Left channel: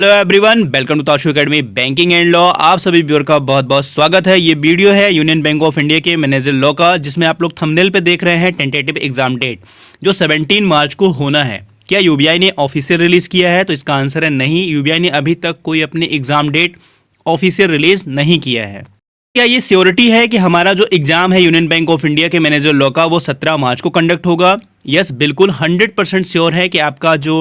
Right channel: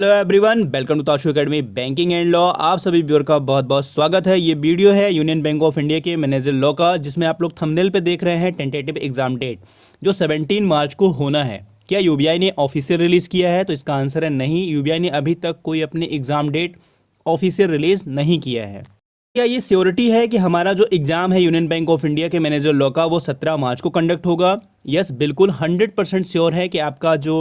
Hello everyone, welcome to Tashu academy banking and law. आप सभी viewer का बहुत बहुत स्वागत है। ये वीडियो है यूनियन बैंक ऑफ इंडिया के मैनेजर लॉ का, जिसमें आप लोग थंबनेल पे देख रहे हैं टेंटेटिव एग्जाम डेट जो 17 मार्च को होना है। क्या यूबीआई ने ऑफिशियल रिलीज़ किया है? तो इसका आंसर है नहीं। यूबीआई ने अभी तक कोई अपनी एग्जाम डेट ऑफिशियल रिलीज़ नहीं किया है। क्या ये श्योरिटी है कि हमारा जो एग्ज़ाम है यूनियन बैंक ऑफ इंडिया के मैनेजर लॉ का वो 17 मार्च को कंडक्ट होगा? यस, बिल्कुल 100% श्योर है कि आपका जो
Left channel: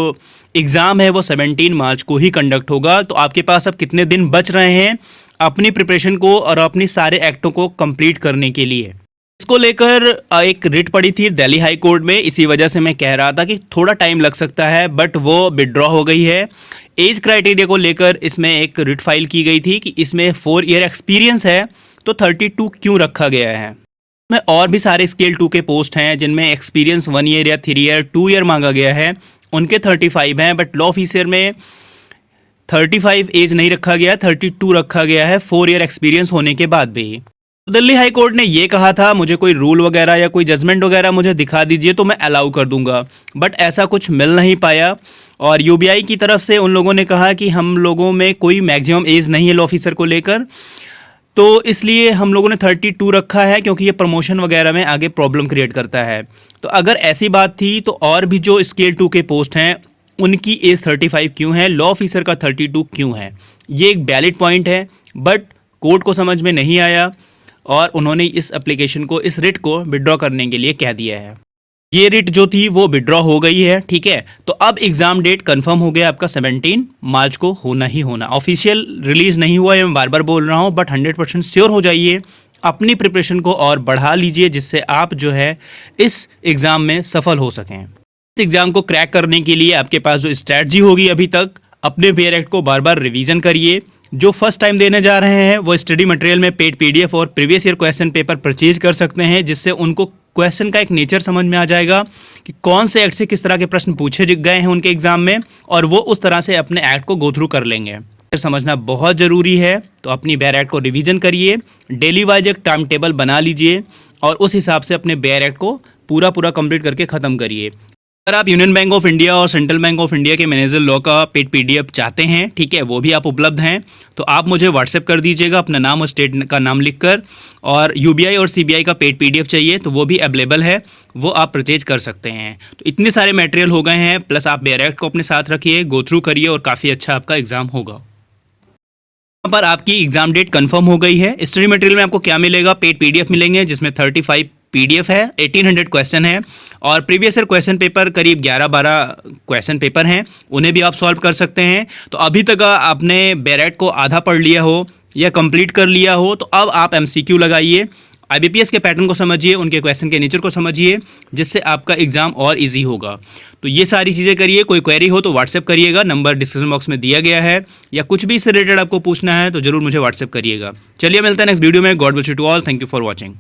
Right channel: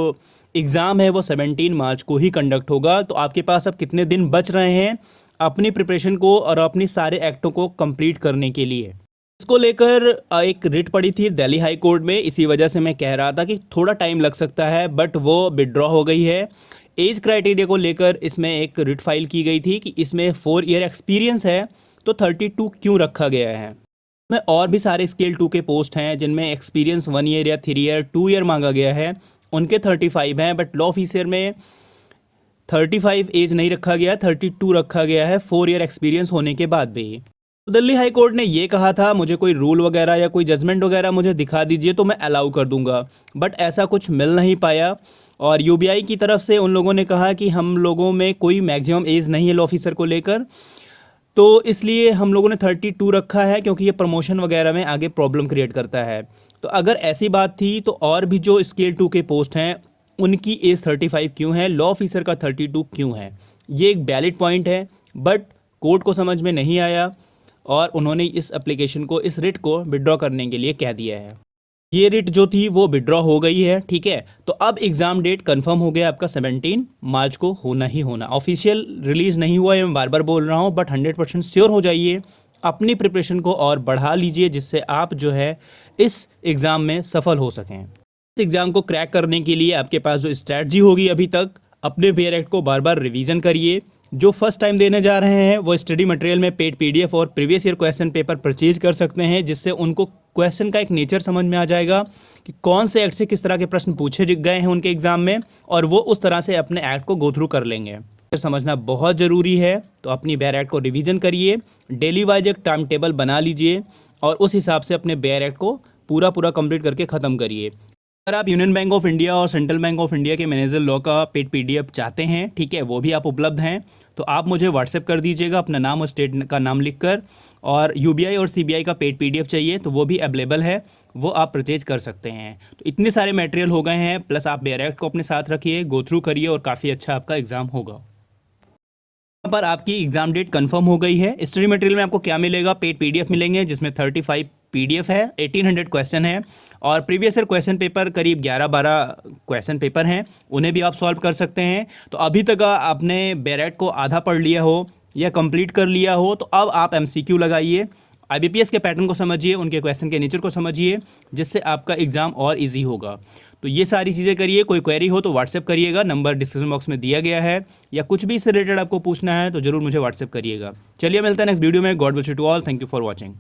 एग्ज़ाम है वो 17 मार्च को ही कंडक्ट होगा। तो आपके पास अब कितने दिन बच रहे हैं अपनी प्रिपरेशन को और अपनी सारे एक्टों को कंप्लीट करने के लिए? इसको लेकर एक रिट पड़ी थी दिल्ली हाई कोर्ट में। इसी वजह से मैं कह रहा था कि थोड़ा टाइम लग सकता है, बट वो विड्रॉ हो गई है। एज क्राइटेरिया को लेकर इसमें एक रिट फाइल की गई थी कि इसमें 4 ईयर एक्सपीरियंस है तो 32 क्यों रखा गया है। में और भी सारे स्केल 2 के पोस्ट हैं जिनमें एक्सपीरियंस 1 ईयर या 3 ईयर 2 ईयर मांगा गया है, उनके 35 हैं। बट लॉ ऑफिसर में 35 एज नहीं रखा गया, 32 रखा गया है 4 ईयर एक्सपीरियंस होने के बाद भी। तो दिल्ली हाई कोर्ट ने ये कहा था मुझे कोई रूल वगैरह या कोई जजमेंट वगैरह मुझे दिखा दीजिए तो मैं अलाउ कर दूंगा, बट ऐसा कुछ मिल नहीं पाया। और यूबीआई की तरफ से उन लोगों ने कहा कि हम लोगों में कोई मैक्सिमम एज नहीं है लॉ ऑफिसर को लेकर, तो इसलिए हम लोगों ने 32 रखा है क्योंकि ये प्रमोशन वगैरह में आगे प्रॉब्लम क्रिएट करता है। तो अगर ऐसी बात थी तो और भी जो स्केल 2 के पोस्ट हैं उनकी एज 35 क्यों है, लॉ ऑफिसर का 32 क्यों है? ये एक वैलिड पॉइंट है, बट कोर्ट को समझ में नहीं आया और उन्होंने इस एप्लीकेशन को, इस रिट को विड्रॉ करने के लिए कह दिया है। ये रिट जो थी वो विड्रॉ हो गई है, ठीक है। तो अब एग्ज़ाम डेट कंफर्म हो गया आपका 17 मार्च को होना ही होना। ऑफिशियल रिलीज़ नहीं हुआ है, मैं बार बार बोल रहा हूँ, बट 100% श्योर हो जाइए। अपनी प्रिपरेशन को और बढ़ा लीजिए जिससे आप जो है इस एग्ज़ाम में सफल हो सकें। इस एग्ज़ाम को क्रैक करने के लिए आपके पास जो स्ट्रैटजी होगी अभी तक, अपने बेयर एक्ट को बार बार रिवीजन करिए। जो फर्स्ट टाइम देने जा रहे हैं वो स्टडी मटेरियल में पेड पीडीएफ और previous year question paper purchase कर सकते हैं, जिससे उनको क्वेश्चन का एक नेचर समझ में आ जाएगा कि कौन से एक्ट से किस तरह के प्रश्न पूछे गए हैं उनके एग्जाम में, और वो उस तरह से अपने एक्ट को गो थ्रू कर लेंगे। समझना बहुत ज़रूरी है, तो अपनी बेयर एक्ट को रिवीजन करिए, डेली वाइज एक टाइम टेबल बना लीजिए और उस हिसाब से अपने बेयर एक्ट को पूरा कंप्लीट करके ख़त्म करिए। अगर आप यूनियन बैंक ऑफ इंडिया और सेंट्रल बैंक ऑफ इंडिया के मैनेजर लॉ का पेड पीडीएफ चाहते हैं, ठीक है, वो भी आप उपलब्ध हैं, तो आप मुझे व्हाट्सएप कर दीजिएगा अपना नाम और स्टेट का नाम लिखकर। और यूबीआई और सीबीआई का पेड पीडीएफ चाहिए तो वो भी अवेलेबल है, वो आप परचेज कर सकते हैं। तो इतने सारे मटेरियल हो गए हैं, प्लस आप बेयर एक्ट को अपने साथ रखिए, गो थ्रू करिए और काफ़ी अच्छा आपका एग्जाम होगा। यहाँ पर आपकी एग्जाम डेट कंफर्म हो गई है। स्टडी मटेरियल में आपको क्या मिलेगा? पेड पीडीएफ मिलेंगे जिसमें 35 पीडीएफ है, 1800 क्वेश्चन है, और प्रीवियस ईयर क्वेश्चन पेपर करीब 11-12 क्वेश्चन पेपर हैं, उन्हें भी आप सॉल्व कर सकते हैं। तो अभी तक आपने बेयर एक्ट को आधा पढ़ लिया हो या कंप्लीट कर लिया हो तो अब आप एमसीक्यू लगाइए, आईबीपीएस के पैटर्न को समझिए, उनके क्वेश्चन के नेचर को समझिए, जिससे आपका एग्जाम और ईजी होगा। तो ये सारी चीज़ें करिए। कोई क्वेरी हो तो व्हाट्सएप करिएगा, नंबर डिस्क्रिप्शन बॉक्स में दिया गया है, या कुछ भी इससे रिलेटेड आपको पूछना है तो जरूर मुझे व्हाट्सएप करिएगा। चलिए मिलते हैं नेक्स्ट वीडियो में। God bless you to all, thank you for watching.